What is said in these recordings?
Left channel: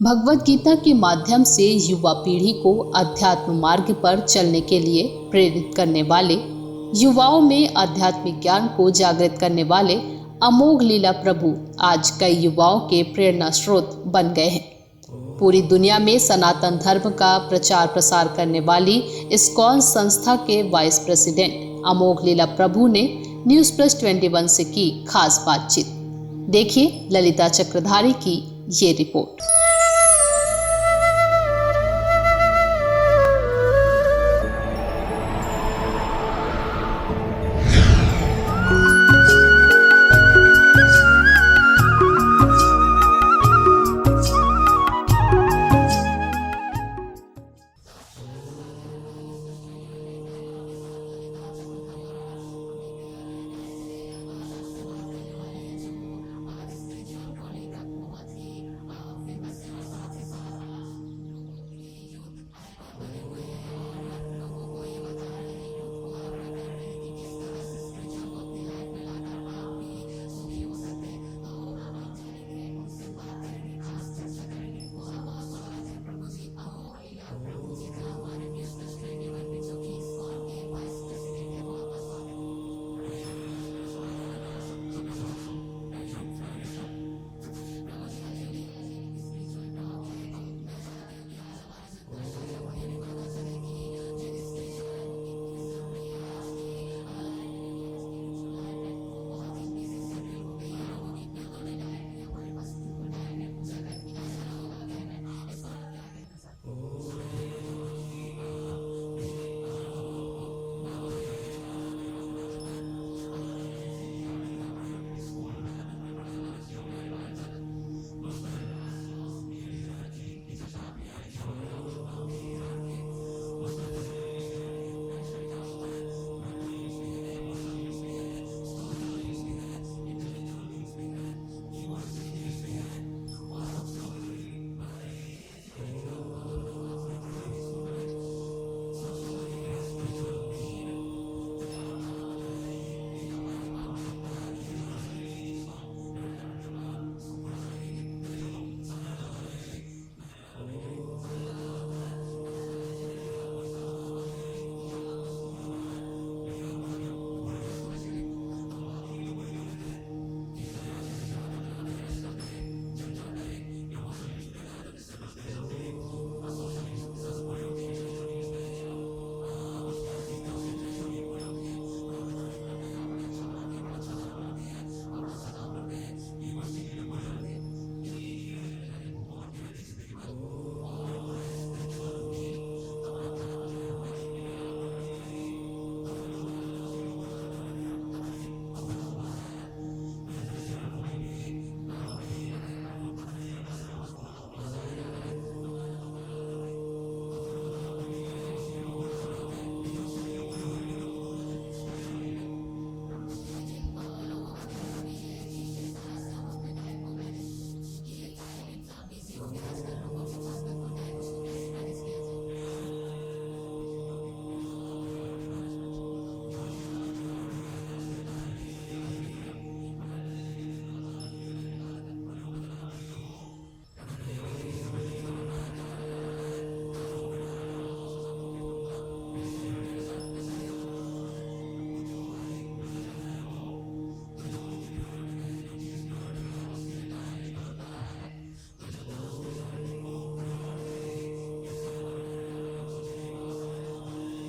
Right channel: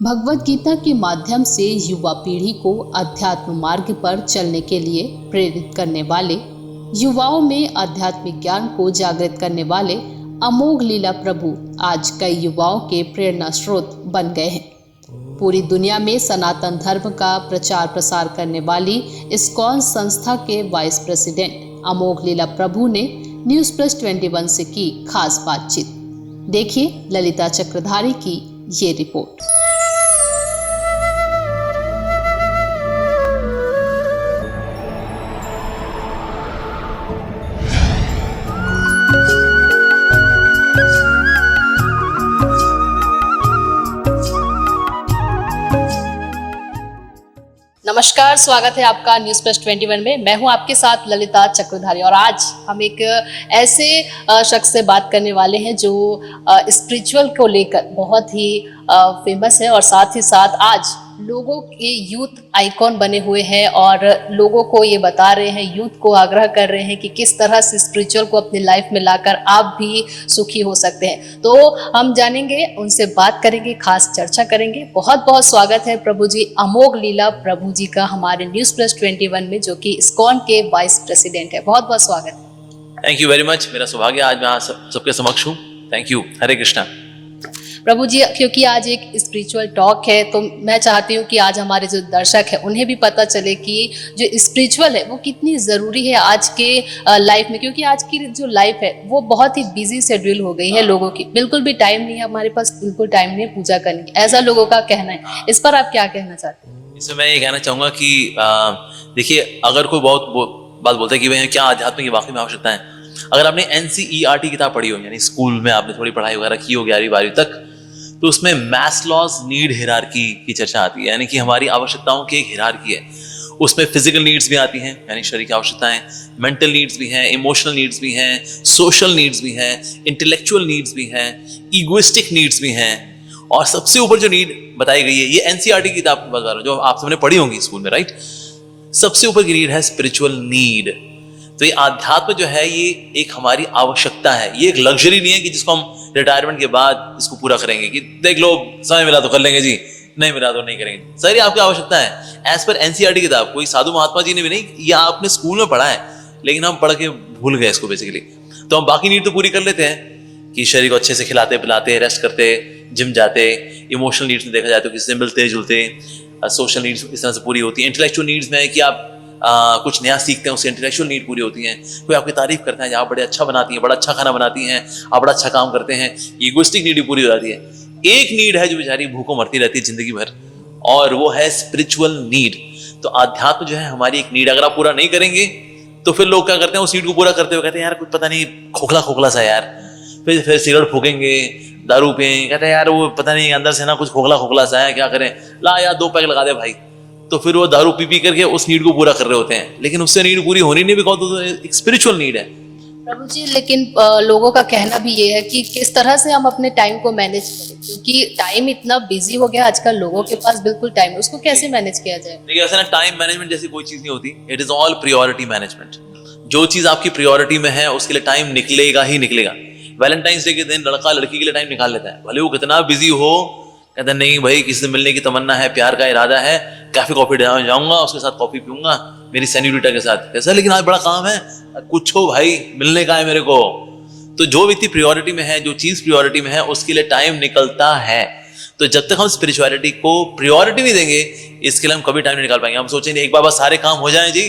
भगवद गीता के माध्यम से युवा पीढ़ी को अध्यात्म मार्ग पर चलने के लिए प्रेरित करने वाले, युवाओं में आध्यात्मिक ज्ञान को जागृत करने वाले अमोघ लीला प्रभु आज कई युवाओं के प्रेरणा स्रोत बन गए हैं। पूरी दुनिया में सनातन धर्म का प्रचार प्रसार करने वाली इस्कॉन संस्था के वाइस प्रेसिडेंट अमोघ लीला प्रभु ने News+21 से की खास बातचीत। देखिए ललिता चक्रधारी की ये रिपोर्ट। नमस्कार, स्वागत है आपका News+21 में। मैं हूं आपके साथ ललिता चक्रधारी और आज हम एक ऐसे शख्स से बात करने वाले हैं जो स्पिरिचुअल को लेकर बहुत ही फेमस है और साथ ही साथ आज लोगों के यूथ आइकॉन बने हुए हैं और लोगों को ये बता रहे हैं, यूथ को आग्रह कर रहे हैं कि किस तरह से स्पिरिचुअल को अपनी लाइफ में लाकर आप भी सुखी हो सकते हैं। तो हम जानेंगे, उनसे बात करेंगे, खास चर्चा करेंगे। बहुत बहुत स्वागत है प्रभु जी, अमोघ लीला प्रभु जी का हमारे News+21 में, जो कि इस्कॉन के वाइस प्रेसिडेंट है। बहुत बहुत स्वागत है। Thank you very much. मेरा सौभाग्य आज मैं सबके समक्ष हूँ। Thank you. हरे कृष्णा। प्रभु जी, क्योंकि आज एक स्पिरिचुअल टॉक है तो मैं चाहती हूँ कि आज हमारे जो दर्शक हैं उन्हें भी पता चले कि जो स्पिरिचुअल है वो कितनी ज़रूरी है आज के लाइफ में, क्योंकि आज की जो लाइफ है वो बहुत ही बिजी शेड्यूल हो गई है लोगों की। बिल्कुल भी टाइम नहीं है हमारे पास, बिल्कुल टाइम नहीं है पूजा करने की, ऐसा लोगों का कहना है। इस पर आप क्या कहना चाहते हैं? इसमें मैं ये कहना चाहूँगा कि देखिए, अगर कोई बहुत बात बोलता है कि भाई क्या आध्यात्म की वाकई में आवश्यकता है, अगर आपने NCERT किताब पढ़ी हो, यानी स्कूल में आपने थोड़ी पढ़ाई वगैरह की हो 11वीं-12वीं तक, तो उसमें मैस्लोज नीड हायरार्की की चर्चा आती है, यानी कि हमारी आवश्यकताओं की एक हायरार्की है। उसमें फिजिकल नीड्स भी आती हैं, यानी शरीर की आवश्यकताएं, मेंटल नीड्स भी हैं, इमोशनल नीड्स भी हैं, सोशल नीड्स भी हैं, इंटेलेक्चुअल नीड्स भी हैं, ईगोइस्टिक नीड्स भी हैं, और सबसे ऊपर जो नीड बताई गई है, ये NCERT की किताब बता रहा हूं जो आप सबने पढ़ी होंगी स्कूल में, राइट। सबसे ऊपर की नीड है स्पिरिचुअल नीड। तो ये आध्यात्म जो है ये एक हमारी आवश्यकता है, ये एक लग्जरी नहीं है कि जिसको हम रिटायरमेंट के बाद इसको पूरा करेंगे कि देख लो समय मिला तो कर लेंगे जी, नहीं मिला तो नहीं करेंगे। सर ये आपकी आवश्यकता है एज पर NCERT किताब। कोई साधु महात्मा जी ने भी नहीं, ये आपने स्कूल में पढ़ा है लेकिन हम पढ़ के भूल गए इसको बेसिकली। तो हम बाकी नीड तो पूरी कर लेते हैं कि शरीर को अच्छे से खिलाते पिलाते, रेस्ट करते, जिम जाते, इमोशनल नीड्स में देखा जाए तो किसी से मिलते जुलते, सोशल नीड्स इस तरह से पूरी होती है। इंटेलेक्चुअल नीड्स में है कि आप कुछ नया सीखते हैं, उससे इंटेलेक्चुअल नीड पूरी होती हैं। कोई आपकी तारीफ करता है, आप बड़े अच्छा बनाती हैं, बड़ा अच्छा खाना बनाती हैं, आप बड़ा अच्छा काम करते हैं, ईगोइस्टिक नीड पूरी हो जाती है। एक नीड है जो बेचारी भूखों मरती रहती है जिंदगी भर, और वो है स्पिरिचुअल नीड। तो आध्यात्म जो है हमारी एक नीड, अगर आप पूरा नहीं करेंगे तो फिर लोग क्या करते हैं, उस नीड को पूरा करते हुए कहते हैं यार कुछ पता नहीं खोखला खोखला सा यार, फिर सिगरेट फूकेंगे, दारू पिएंगे, कहते हैं यार वो पता नहीं अंदर से ना कुछ खोखला खोखला सा है, क्या करें, ला यार 2 पैक लगा दे भाई। तो फिर वो दारू पी करके उस नीड को पूरा कर रहे होते हैं, लेकिन उससे नीड पूरी होनी नहीं, बिकॉज़ तो एक स्पिरिचुअल नीड है। प्रभु जी, लेकिन लोगों का कहना भी ये है कि किस तरह से हम अपने टाइम को मैनेज करें, क्योंकि टाइम इतना बिजी हो गया आजकल, लोगों के पास बिल्कुल टाइम, उसको कैसे मैनेज किया जाए? देखिए ऐसा ना, टाइम मैनेजमेंट जैसी कोई चीज नहीं होती, it is all priority management. जो चीज आपकी प्रायोरिटी में है उसके लिए टाइम निकलेगा ही निकलेगा। वैलेंटाइंस डे के दिन लड़का लड़की के लिए टाइम निकाल लेता है, भले वो कितना बिजी हो, कहता नहीं भाई किसी से मिलने की तमन्ना है, प्यार का इरादा है, कैफे कॉफी जाऊंगा, उसके साथ कॉफी पीऊंगा मेरी सेन्यूरिटा के साथ, कैसा, लेकिन आज बड़ा काम है, कुछ हो भाई मिलने का है मेरे को। तो जो व्यक्ति प्रायोरिटी में है, जो चीज प्रायोरिटी में है, उसके लिए टाइम निकलता है। तो जब तक हम स्पिरिचुअलिटी को प्रायोरिटी नहीं देंगे, इसके लिए हम कभी टाइम नहीं निकाल पाएंगे। हम सोचेंगे एक बार बस सारे काम हो जाएं जी,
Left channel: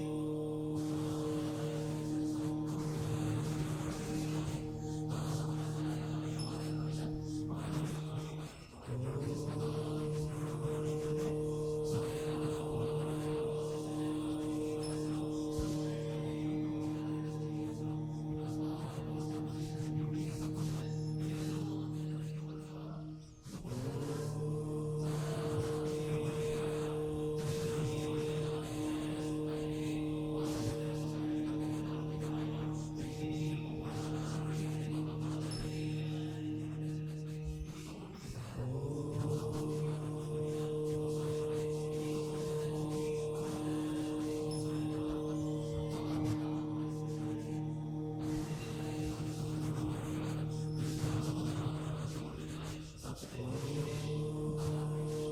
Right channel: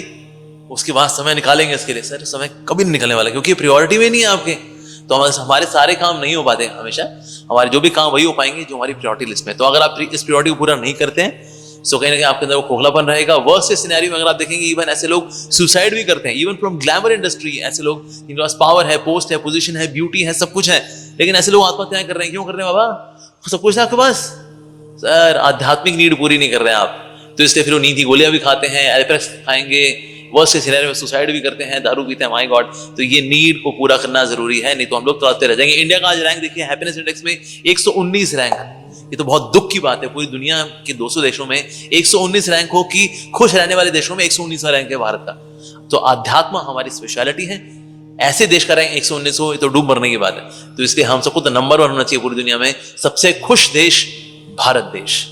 उसके बाद समय निकालेंगे इसके लिए। सर समय कभी नहीं निकलने वाला, क्योंकि प्रायोरिटी में नहीं है आपके। तो हमारे सारे काम नहीं हो पाते, हमेशा हमारे जो भी काम वही हो पाएंगे जो हमारी प्रायोरिटी लिस्ट में। तो अगर आप इस प्रायोरिटी को पूरा नहीं करते हैं तो कहीं ना कहीं आपके अंदर वो खोखलापन रहेगा। वर्स्ट सिनेरियो में अगर आप देखेंगे, इवन ऐसे लोग सुसाइड भी करते हैं, इवन फ्रॉम ग्लैमर इंडस्ट्री। ऐसे लोग जिनके पास पावर है, पोस्ट है, पोजीशन है, ब्यूटी है, सब कुछ है, लेकिन ऐसे लोग आत्महत्याएं कर रहे हैं। क्यों कर रहे हैं बाबा? सब कुछ है आपके पास, सर आध्यात्मिक नीड पूरी नहीं कर रहे हैं आप, तो इसलिए फिर वो नींद की गोलियां भी खाते हैं, एल्प्रेक्स खाएंगे, वर्स्ट सिनेरियो में सुसाइड भी करते हैं, दारू पीते हैं। My God. तो ये नीड को पूरा करना जरूरी है, नहीं तो हम लोग तड़पते रह जाएंगे। इंडिया का आज रैंक देखिए, हैप्पीनेस इंडेक्स में 119 रैंक है। ये तो बहुत दुख की बात है, पूरी दुनिया के 200 देशों में 119 रैंक हो कि खुश रहने वाले देशों में 119वां रैंक है भारत का। तो आध्यात्म हमारी स्पेशलिटी है। ऐसे देश का रैंक 119 हो, ये तो डूब मरने की बात है। तो इसलिए हम सबको तो नंबर 1 होना चाहिए पूरी दुनिया में, सबसे खुश देश भारत देश।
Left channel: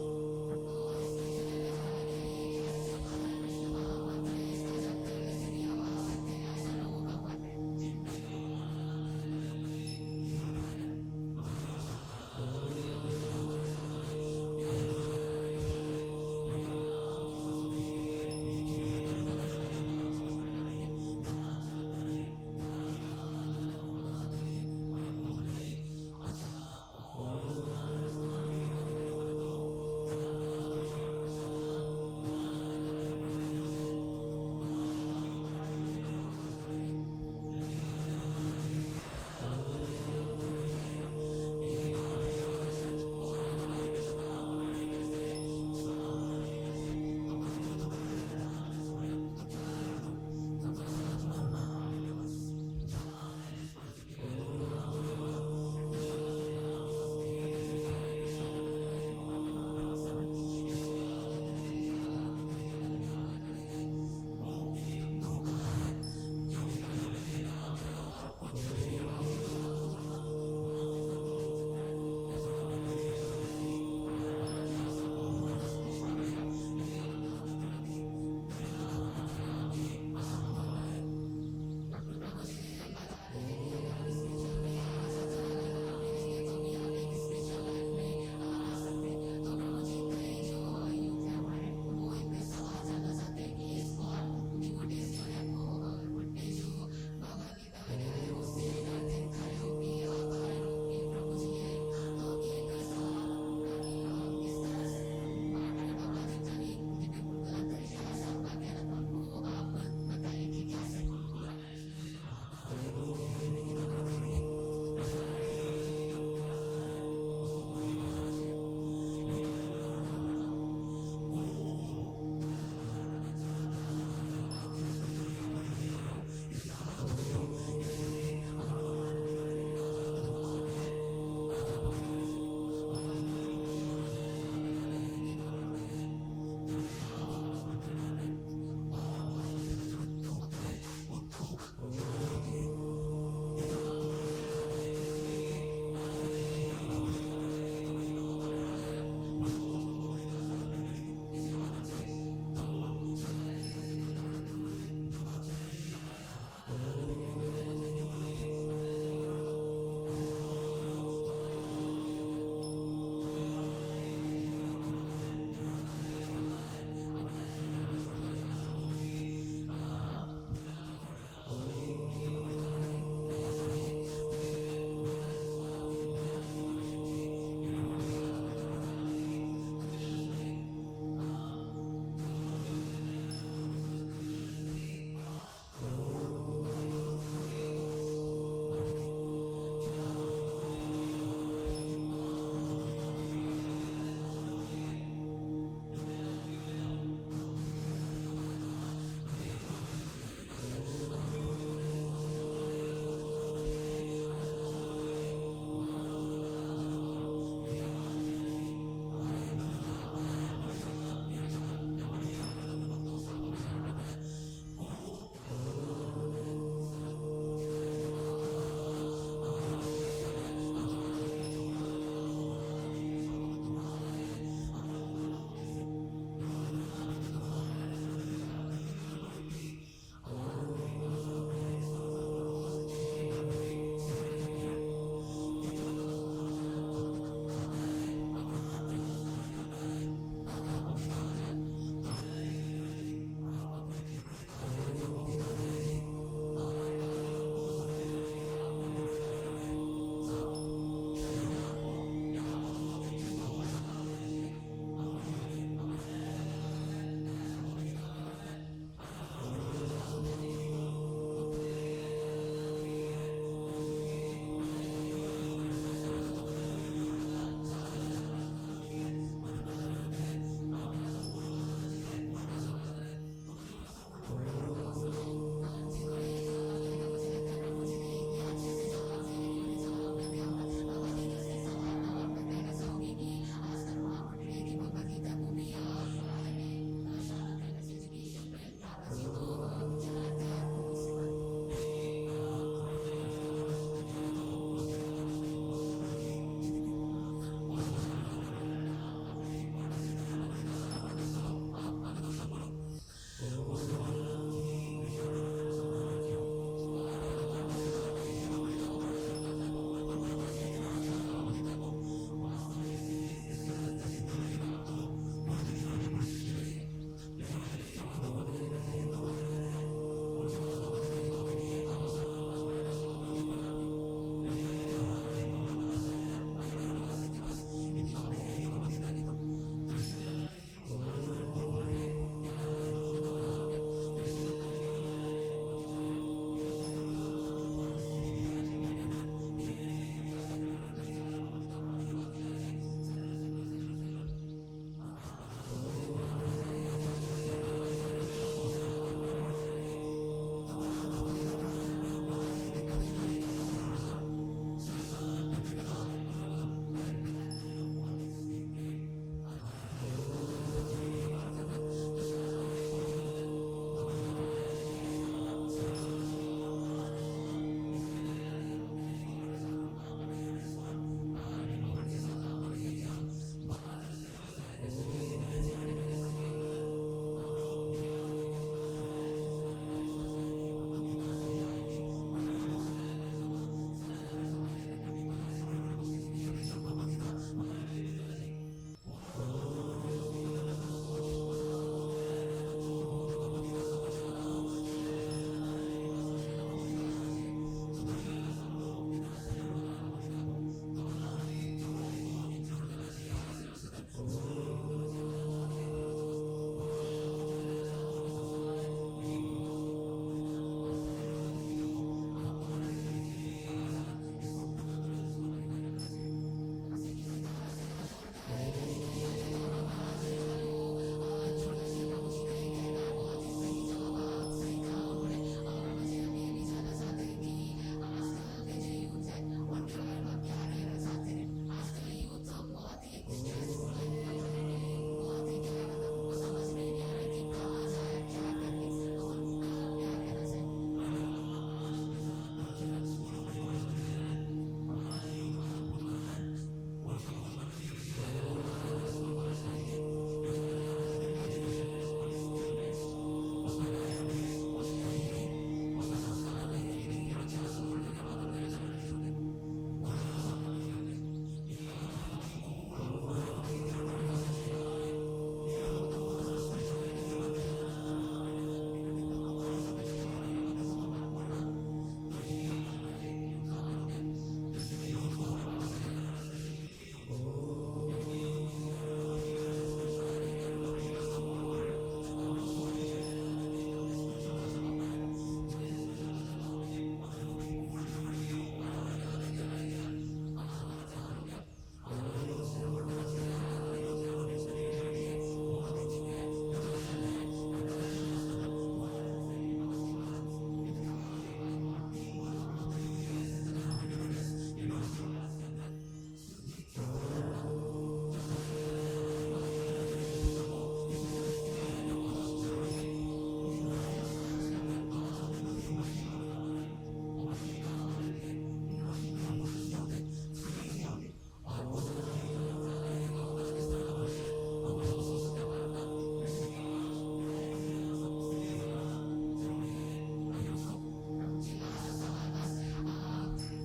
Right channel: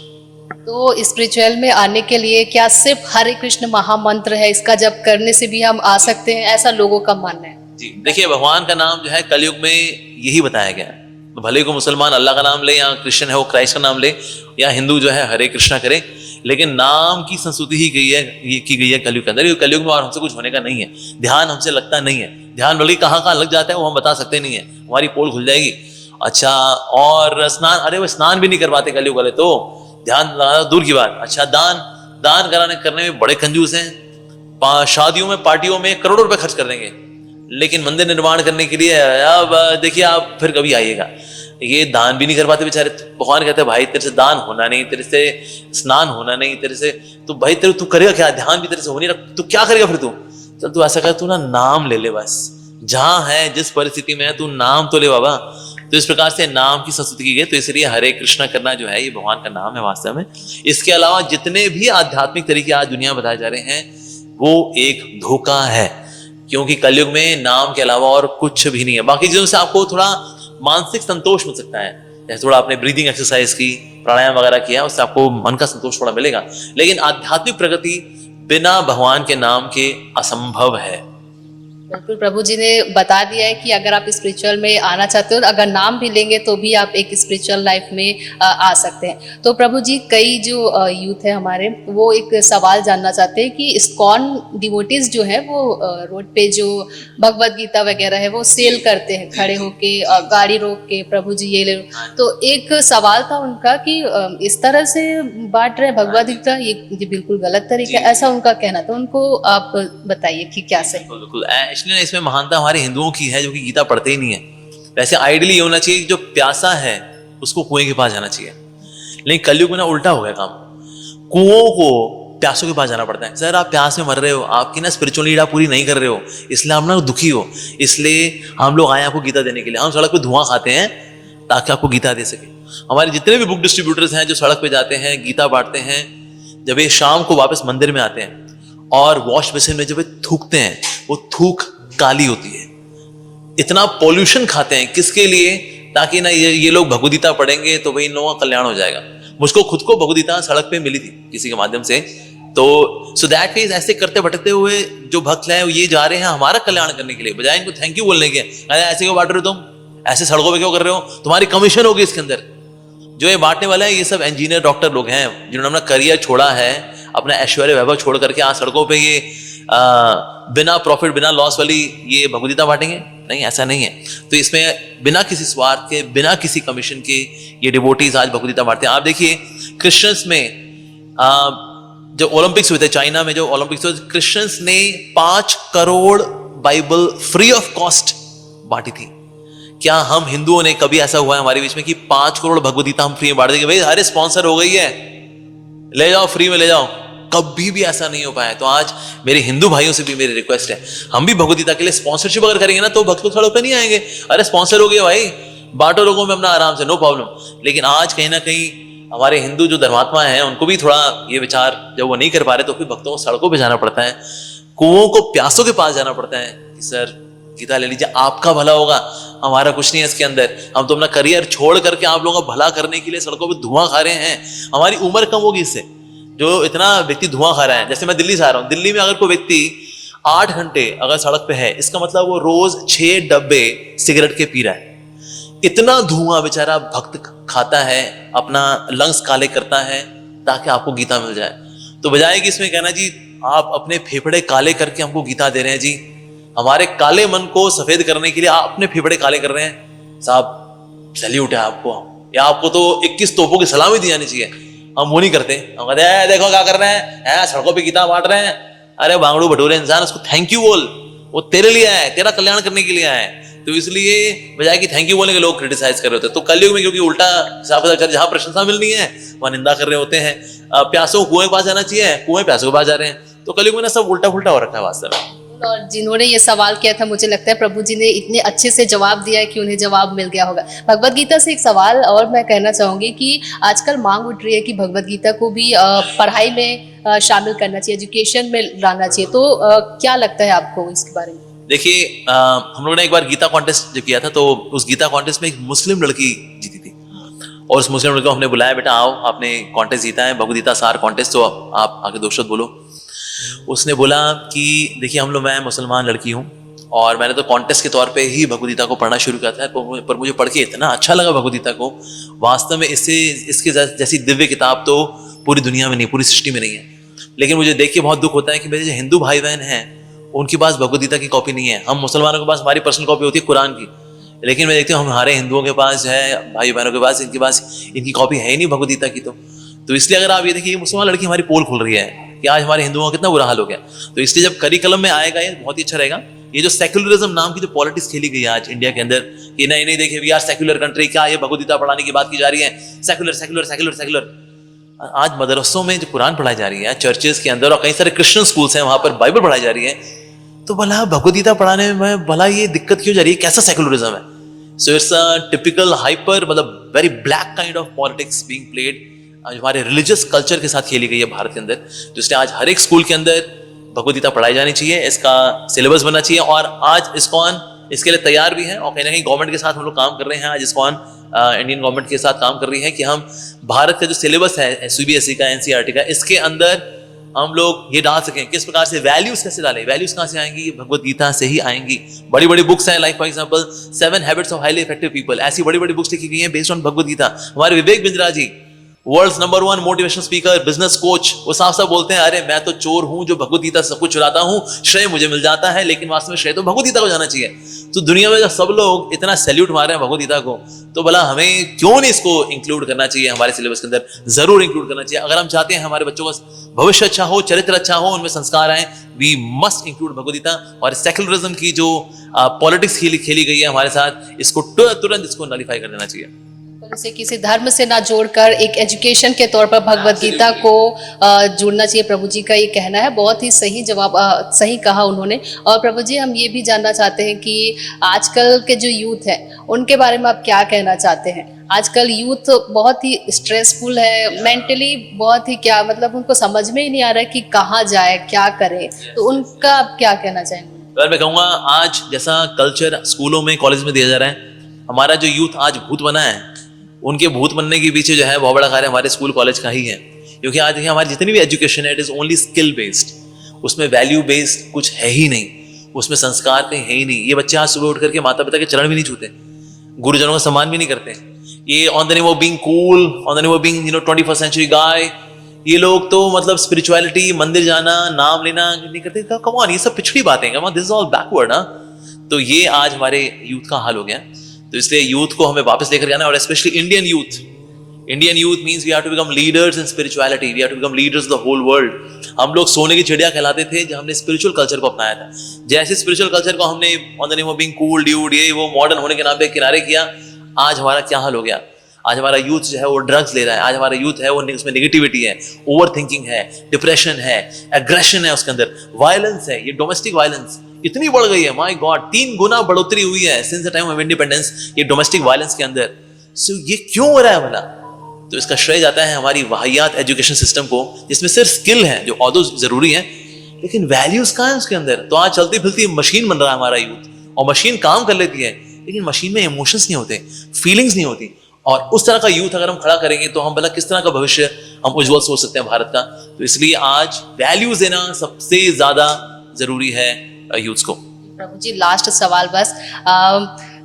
तो स्पिरिचुअल में आने के लिए क्या सिर्फ हरे कृष्ण महामंत्र है, इसका जप करने से भी हम आ सकते हैं, ऐसा लोगों का मानना है? जी देखिए, भगवान का नाम जो है कलयुग में यही बताया गया है। तो भले को मुसलमान अल्लाह का नाम ले, या क्रिश्चियन है वो क्राइस्ट का नाम ले, या हिंदू जो है हरे कृष्णा करे, लेकिन नाम की संस्तुति ही की गई है कलयुग के अंदर। कलयुग में और हमसे कुछ होने का नहीं है, ध्यान हमसे लगता नहीं है। ध्यान बल्कि कहाँ कहाँ लग जाता है वो हम बता सकते नहीं है, हमारी पोल खुल जाएगी। अच्छा, और स्नान, अरे वो स्नान भी नहीं करवाते कलयुग वाले, तो ध्यान लगाना दूर की बात। अच्छा, दान करने में बड़े कंजूस हैं। शादियों में, पार्टियों में करोड़ों रुपए खर्च कर देंगे, लेकिन मंदिर निर्माण करने के लिए अब देखिए आप फिर कभी आइएगा, ये दान भी नहीं कर पाते बेचारे। भगवान कहते हैं भाई तेरे से दान होना नहीं, तेरे से स्नान होना नहीं, तेरे से तो भाई तेरे तू करेगा क्या? ध्यान भी तेरे से हो नहीं रहा, तू क्या करेगा फिर? तू चल, तू ऐसा कर, तू ना नाम ले ले बस, जहां है जिस परिस्थिति में है तू नाम तो ले बाबा। तो इस प्रकार से नाम की संस्तुति की गई। तो इसलिए हरे कृष्णा करना जो है ये भगवान का नाम है वास्तव में। इसके अलावा जितने भी आध्यात्मिक तरीके आज दुनिया में बताए जा रहे हैं वो एक धोखा है, क्योंकि कलयुग में नाम के अलावा और कुछ भी नहीं है। बाकी चीजों से आपको थोड़ा मानसिक संतोष मिल सकता है, जैसे थोड़ा आपने ब्रीदिंग एक्सरसाइज की, प्राणायाम वगैरह किया, उससे आपको मन का संतोष थोड़ा मिलेगा, लेकिन आध्यात्मिक प्रगति बिना भगवान के नाम के असंभव है। बिल्कुल, प्रभु जी ने बता दिया है कि अगर आप स्पिरिचुअल में आना चाहते हो, अगर नाम भी लेंगे तो भी आप एक स्पिरिचुअल लाइफ में आ सकते हैं। तो प्रभु जी, कई जो यूथ है हमारे, वो एक सवाल जानना चाहते हैं कि इस्कॉन डिवोटीज जो है वो रोड पे जो भगवत गीता वगैरह है वो सेल करते हैं खड़े होके, गाड़ी रोक के, प्रभु जी ये ले लो। तो एक सवाल था उनका कि इस तरह से बांट रहे भगवत गीता, ये बिल्कुल गलत तरीका, ऐसा उनका कहना था। उनको आप बताइए कि क्या सही। बिल्कुल, इसलिए इसमें महानता हमारे हिंदुओं की है जो कि गीता पढ़ते ही नहीं है। वैसे आइडियली ये होना चाहिए कि जो प्यासा है उसको कुएं के पास जाना चाहिए, लेकिन कलयुग में ना उल्टा हो गया काम। कुओं को प्यासों के पास जाना पड़ता है। सर आप प्यास में मर रहे हो, आपकी ना स्पिरिचुअल नीड आप पूरी नहीं कर रहे हो, इसलिए आप ना दुखी हो, इसलिए हम लोग आए आपको गीता देने के लिए। हम सड़क पे धुआं खाते हैं ताकि आपको गीता दे सके। हमारे जितने भी बुक डिस्ट्रीब्यूटर्स हैं जो सड़क पे जाते हैं, गीता बांटते हैं, जब ये शाम को वापस मंदिर में आते हैं और वॉश बेसिन में जब थूकते हैं, वो थूक काली होती है। इतना पॉल्यूशन खाते हैं किसके लिए? ताकि ना ये लोग भगवदगीता पढ़ेंगे तो भाई इन लोगों का कल्याण हो जाएगा। मुझको खुद को भगवदगीता सड़क पे मिली थी किसी के माध्यम से, तो सो दैट मींस ऐसे करते भटकते हुए जो भक्त हैं ये जा रहे हैं हमारा कल्याण करने के लिए, बजाय इनको थैंक यू बोलने के। अरे ऐसे क्यों बांट रहे हो तुम, ऐसे सड़कों पे क्यों कर रहे हो, तुम्हारी कमीशन होगी इसके अंदर। जो ये बांटने वाले हैं ये सब इंजीनियर डॉक्टर लोग हैं जिन्होंने अपना करियर छोड़ा है, अपना ऐश्वर्य वैभव छोड़ करके आज सड़कों पे ये बिना प्रॉफिट बिना लॉस वाली ये भगवदगीता बांटेंगे। नहीं, ऐसा नहीं है। तो इसमें बिना किसी स्वार्थ के, बिना किसी कमीशन के ये डिवोटीज आज भगवदगीता बांटते हैं। आप देखिए क्रिश्चियंस में जो ओलंपिक्स हुए थे चाइना में, जो ओलंपिक्स हुए, क्रिश्चियंस ने 5 crore Bible free of cost बांटी थी। क्या हम हिंदुओं ने कभी ऐसा हुआ है हमारे बीच में कि 5 करोड़ भगवदगीता हम फ्री में बांट देंगे? भाई अरे स्पॉन्सर हो गई है, ले जाओ फ्री में ले जाओ। कभी भी ऐसा नहीं हो पाया। तो आज मेरे हिंदू भाइयों से भी मेरी रिक्वेस्ट है, हम भी भगवदगीता के लिए स्पॉन्सरशिप अगर करेंगे ना तो भक्त लोग सड़क पे नहीं आएंगे। अरे स्पॉन्सर हो गया भाई, बांटो लोगों में अपना आराम से, नो प्रॉब्लम। लेकिन आज कहीं ना कहीं हमारे हिंदू जो धर्मात्मा हैं उनको भी थोड़ा ये विचार, जब वो नहीं कर पा रहे तो फिर भक्तों को सड़कों पे जाना पड़ता है, कुओं को प्यासों के पास जाना पड़ता है कि सर गीता ले लीजिए, आपका भला होगा, हमारा कुछ नहीं है इसके अंदर। हम तो अपना करियर छोड़ करके आप लोगों का भला करने के लिए सड़कों पे धुआं खा रहे हैं। हमारी उम्र कम होगी इससे, जो इतना व्यक्ति धुआं खा रहा है। जैसे मैं दिल्ली से आ रहा हूँ, दिल्ली में अगर कोई व्यक्ति 8 घंटे अगर सड़क पे है, इसका मतलब वो रोज 6 डब्बे सिगरेट के पी रहा है। इतना धुआं बेचारा भक्त खाता है, अपना लंग्स काले करता है ताकि आपको गीता मिल जाए। तो बजाय कि इसमें कहना जी आप अपने फेफड़े काले करके हमको गीता दे रहे हैं, जी हमारे काले मन को सफेद करने के लिए आप अपने फेफड़े काले कर रहे हैं, साहब सैल्यूट है आपको। या आपको तो 21 तोपों की सलामी दी जानी चाहिए, हम वो नहीं करते। हम कहते हैं देखो क्या कर रहे हैं, सड़कों पे गीता बांट रहे हैं। अरे बांगड़ू भटूरे इंसान, उसको थैंक यू बोल, वो तेरे लिए आया है, तेरा कल्याण करने के लिए आया है। तो इसलिए बजाय कि थैंक यू बोलने के लोग क्रिटिसाइज कर रहे होते हैं। तो कलयुग में क्योंकि उल्टा जहां प्रशंसा मिलनी है वहां निंदा कर रहे होते हैं। प्यासों को कुएं के पास जाना चाहिए, कुएं प्यासों के पास जा रहे हैं। तो कलयुग में ना सब उल्टा फुल्टा हो रखा है वास्तव में। और जिन्होंने ये सवाल किया था, मुझे लगता है प्रभु जी ने इतने अच्छे से जवाब दिया है कि उन्हें जवाब मिल गया होगा। भगवत गीता से एक सवाल और मैं कहना चाहूँगी कि आजकल मांग उठ रही है कि भगवत गीता को भी पढ़ाई में शामिल करना चाहिए, एजुकेशन में लाना चाहिए। तो क्या लगता है आपको इसके बारे में? देखिए हम लोगों ने एक बार गीता कॉन्टेस्ट जो किया था, तो उस गीता कॉन्टेस्ट में एक मुस्लिम लड़की जीती थी। और उस मुस्लिम लड़के को हमने बुलाया, बेटा आओ, आपने कॉन्टेस्ट जीता है, भगवद गीता सार कॉन्टेस्ट, तो आप आके 2 शब्द बोलो। उसने बोला कि देखिए हम लोग, मैं मुसलमान लड़की हूँ और मैंने तो कॉन्टेस्ट के तौर पे ही भगवद गीता को पढ़ना शुरू किया था, पर मुझे पढ़ के इतना अच्छा लगा भगवद गीता को, वास्तव में इसके जैसी दिव्य किताब तो पूरी दुनिया में नहीं, पूरी सृष्टि में नहीं है। लेकिन मुझे देख के बहुत दुख होता है कि मेरे जो हिंदू भाई बहन हैं उनके पास भगवद गीता की कॉपी नहीं है। हम मुसलमानों के पास हमारी पर्सनल कॉपी होती है कुरान की, लेकिन मैं देखती हूँ हमारे हिंदुओं के पास है, भाई बहनों के पास इनकी कॉपी है ही नहीं भगवद गीता की। तो इसलिए अगर आप ये देखिए, मुसलमान लड़की हमारी पोल खुल रही है कि आज हमारे हिंदुओं का कितना बुरा हाल हो गया। तो इसलिए जब करिकुलम में आएगा ये बहुत ही अच्छा रहेगा। ये जो सेक्युलरिज्म नाम की जो पॉलिटिक्स खेली गई है आज इंडिया के अंदर, कि नहीं नहीं देखिए वी आर सेक्युलर कंट्री, क्या ये भगवद गीता पढ़ाने की बात की जा रही है, सेक्युलर सेक्युलर सेक्युलर सेक्युलर। आज मदरसों में जो कुरान पढ़ाई जा रही है, चर्चेस के अंदर, और कई सारे क्रिश्चियन स्कूल्स हैं वहां पर बाइबल पढ़ाई जा रही है, तो भला भगवद गीता पढ़ाने में भला ये दिक्कत क्यों जा रही है, कैसा सेक्युलरिज्म है? So it's a typical hyper, मतलब very black kind of politics being played, हमारे रिलीजियस कल्चर के साथ खेली गई है भारत के अंदर। तो इसलिए आज हर एक स्कूल के अंदर भगवद गीता पढ़ाई जानी चाहिए, इसका सिलेबस बनना चाहिए। और आज इस्कॉन इसके लिए तैयार भी है और कहीं ना कहीं गवर्नमेंट के साथ हम लोग काम कर रहे हैं। आज इस्कॉन इंडियन गवर्नमेंट के साथ काम कर रही है कि हम भारत का जो सिलेबस है सीबीएसई का, एनसीईआरटी का, इसके अंदर हम लोग ये डाल सकें, किस प्रकार से वैल्यूज कैसे डालें। वैल्यूज कहाँ से आएंगी? भगवद गीता से ही आएंगी। बड़ी बड़ी बुक्स हैं, like for example 7 habits of highly effective people, ऐसी बड़ी बड़ी बुक्स लिखी गई हैं बेस्ड ऑन भगवद गीता। हमारे Vivek Bindra ji, world's number 1 motivational speaker, business coach, वो साफ साफ बोलते हैं, अरे मैं तो चोर हूं जो भगवद गीता से सब कुछ चुराता हूं, श्रेय मुझे मिल जाता है, लेकिन वास्तव में श्रेय तो भगवद गीता को जाना चाहिए। तो दुनिया में जब सब लोग इतना सैल्यूट मार रहे हैं भगवद गीता को, तो भला हमें क्यों नहीं इसको इंक्लूड करना चाहिए हमारे सिलेबस के अंदर? जरूर इंक्लूड करना चाहिए। अगर हम चाहते हैं हमारे बच्चों का भविष्य अच्छा हो, चरित्र अच्छा हो, उनमें संस्कार आए, we must include Bhagavad Gita. और सेक्युलरिज्म की जो पॉलिटिक्स खेली गई है हमारे साथ, इसको तुरंत इसको नलिफाई कर देना चाहिए। इसे किसी धर्म से ना जोड़कर एक एजुकेशन के तौर पर भगवद गीता को जोड़ना चाहिए, प्रभु जी का ये कहना है। बहुत ही सही जवाब, सही कहा उन्होंने। और प्रभु जी, हम ये भी जानना चाहते हैं कि आजकल के जो यूथ है उनके बारे में आप क्या कहना चाहते हैं? आजकल यूथ बहुत ही स्ट्रेसफुल है, मेंटली बहुत ही, क्या मतलब उनको समझ में ही नहीं आ रहा है कि कहाँ जाए, क्या करे, तो उनका आप क्या कहना चाहेंगे? मैं कहूँगा आज जैसा कल्चर स्कूलों में, कॉलेज में दिया जा रहा है, हमारा जो यूथ आज भूत बना है, उनके भूत बनने के पीछे जो है बहुत बड़ा कार्य हमारे स्कूल कॉलेज का ही है। क्योंकि आज देखिए हमारी जितनी भी एजुकेशन है, it is only skill based, उसमें वैल्यू बेस्ड कुछ है ही नहीं, उसमें संस्कार कहीं है ही नहीं। ये बच्चे आज सुबह उठ करके माता पिता के चरण भी नहीं छूते, गुरुजनों का सम्मान भी नहीं करते। ये on the name of being cool, on the name of being 21st century guy, ये लोग तो मतलब स्पिरिचुअलिटी, मंदिर जाना, नाम लेना नहीं करते। कम ऑन, ये सब पिछड़ी बातें, come on, this is all backward. तो ये आज हमारे यूथ का हाल हो गया। तो इसलिए यूथ को हमें वापस लेकर जाना है, और specially Indian youth means we have to become leaders in spirituality, we have to become leaders of the whole world. हम लोग सोने की चिड़िया कहलाते थे जब हमने स्पिरिचुअल कल्चर को अपनाया था। जैसे स्पिरिचुअल कल्चर को हमने on the name of being cool dude, ये वो मॉडर्न होने के नाम पे किनारे किया, आज हमारा क्या हाल हो गया? आज हमारा यूथ जो है वो ड्रग्स ले रहा है, आज हमारा यूथ है वो, उसमें नेगेटिविटी है, ओवर थिंकिंग है, डिप्रेशन है, एग्रेशन है, उसके अंदर वायलेंस है। ये डोमेस्टिक वायलेंस इतनी बढ़ गई है, माय गॉड, 3 गुना बढ़ोतरी हुई है since the time of independence, ये डोमेस्टिक वायलेंस के अंदर। सो ये क्यों हो रहा है भला? तो इसका श्रेय जाता है हमारी वाहियात एजुकेशन सिस्टम को, जिसमें सिर्फ स्किल है जो ऑल्दो जरूरी है, लेकिन वैल्यूज कहाँ है उसके अंदर? तो आज चलती फिरती मशीन बन रहा है हमारा यूथ, और मशीन काम कर लेती है, लेकिन मशीन में इमोशंस नहीं होते, फीलिंग्स नहीं होती। और उस तरह का यूथ अगर हम खड़ा करेंगे तो हम भला किस तरह का भविष्य हम उज्जवल सोच सकते हैं भारत का? तो इसलिए आज वैल्यूज देना सबसे ज्यादा जरूरी है यूथ को। प्रभु जी, लास्ट सवाल बस,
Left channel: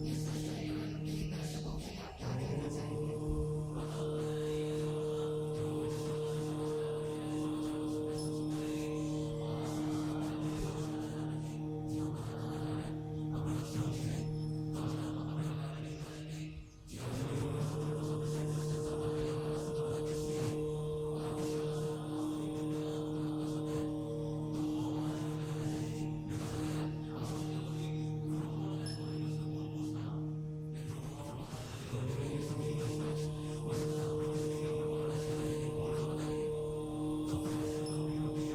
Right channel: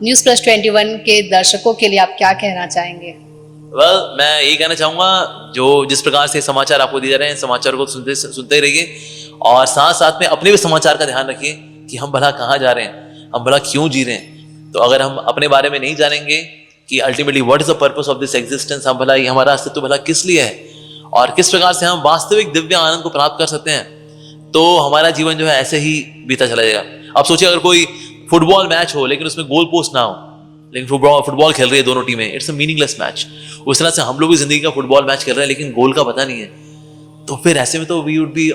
News+21 के दर्शकों के लिए आप क्या कहना चाहेंगे? मैं यही कहना चाहूंगा, जो जिस प्रकार से समाचार आपको दिए जा रहे हैं, समाचार को सुनते रहिए, और साथ साथ में अपने भी समाचार का ध्यान रखिए कि हम भला कहाँ जा रहे हैं, हम भला क्यों जी रहे हैं। तो अगर हम अपने बारे में नहीं जानेंगे कि ultimately what is the purpose of this existence, हम भला ये हमारा अस्तित्व भला किस लिए है, और किस प्रकार से हम वास्तविक दिव्य आनंद को प्राप्त कर सकते हैं, तो हमारा जीवन जो है ऐसे ही बीता चला जाएगा। आप सोचिए, अगर कोई फुटबॉल मैच हो लेकिन उसमें गोल पोस्ट ना हो, लेकिन फुटबॉल खेल रही है दोनों टीमें, इट्स अ मीनिंगलेस मैच। उस तरह से हम लोग भी जिंदगी का फुटबॉल मैच खेल रहे हैं लेकिन गोल का पता नहीं है, तो फिर ऐसे में तो we would be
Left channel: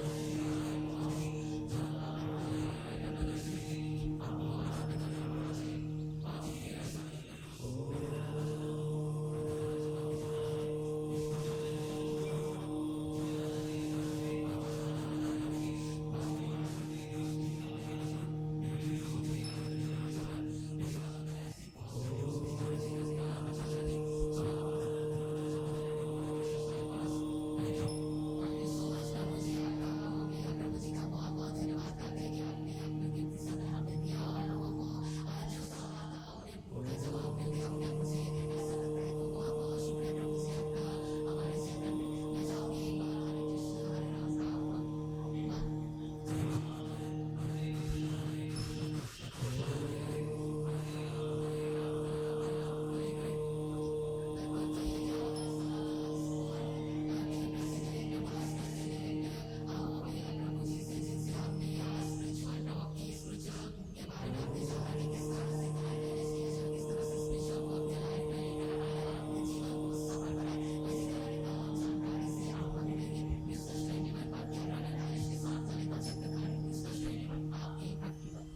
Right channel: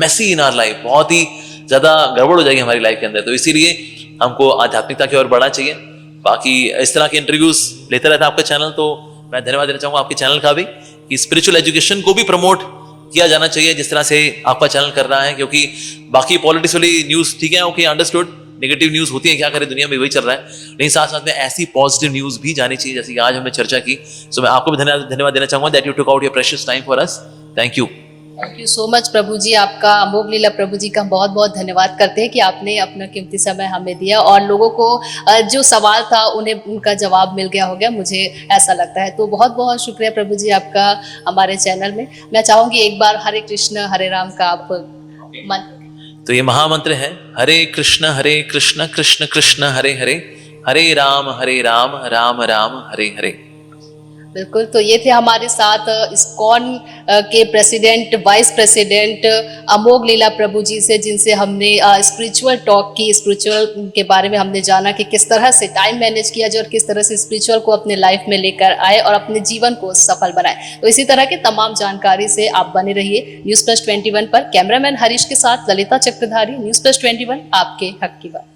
messy in our life, बहुत ही ज्यादा गड़बड़ हो जाएगी हमारी लाइफ के अंदर। तो इसीलिए हमको आध्यात्मिकता की ओर बढ़ना चाहिए। बाकी इस तरह के इंटरव्यूज लेते रहता है आपका चैनल, तो मैं धन्यवाद देना चाहूंगा आपके चैनल का भी, कि स्पिरिचुअल एजुकेशन को भी प्रमोट किया जाना चाहिए जिस तरह से आपका चैनल कर रहा है। क्योंकि बाकी पॉलिटिक्स वाली न्यूज ठीक है, ओके, अंडरस्टूड, नेगेटिव न्यूज होती है, क्या करें, दुनिया में वही चल रहा है, लेकिन साथ साथ में ऐसी पॉजिटिव न्यूज भी जानी चाहिए जैसे कि आज हमने चर्चा की। सो मैं आपको भी धन्यवाद देना चाहूंगा that you took out your precious time for us. Thank you. Thank you so much प्रभु जी, आपका अमोघ लीला प्रभु जी का बहुत बहुत धन्यवाद करते हैं कि आपने अपना कीमती समय हमें दिया और लोगों को जो सवाल था उन्हें उनका जवाब मिल गया होगा, मुझे ऐसा लगता है। तो बहुत बहुत शुक्रिया प्रभु जी आपका हमारे चैनल में। मैं चाहूंगी एक बार हरे कृष्ण हरे राम का आप मंत्र। तो ये महामंत्र है, हरे कृष्ण कृष्ण कृष्ण हरे हरे, हरे राम राम राम हरे हरे। बिल्कुल, तो ये थे हमारे साथ इस्कॉन के प्रेसिडेंट वाइस प्रेसिडेंट अमोघ लीला प्रभु जी से, जिनसे हमने स्पिरिचुअल टॉक की, स्पिरिचुअल के बारे में हमने जाना कि किस तरह से टाइम मैनेज किया जाए और किस तरह से स्पिरिचुअल को अपने लाइफ में लेकर आए और अपने जीवन को सफल बनाए। तो इसी तरह के तमाम जानकारी से आप बने रहिए न्यूज़ प्लस 21 पर। कैमरामैन हरीश के साथ ललिता चक्रधारी, न्यूज़ प्लस 21, आपके हक की बात।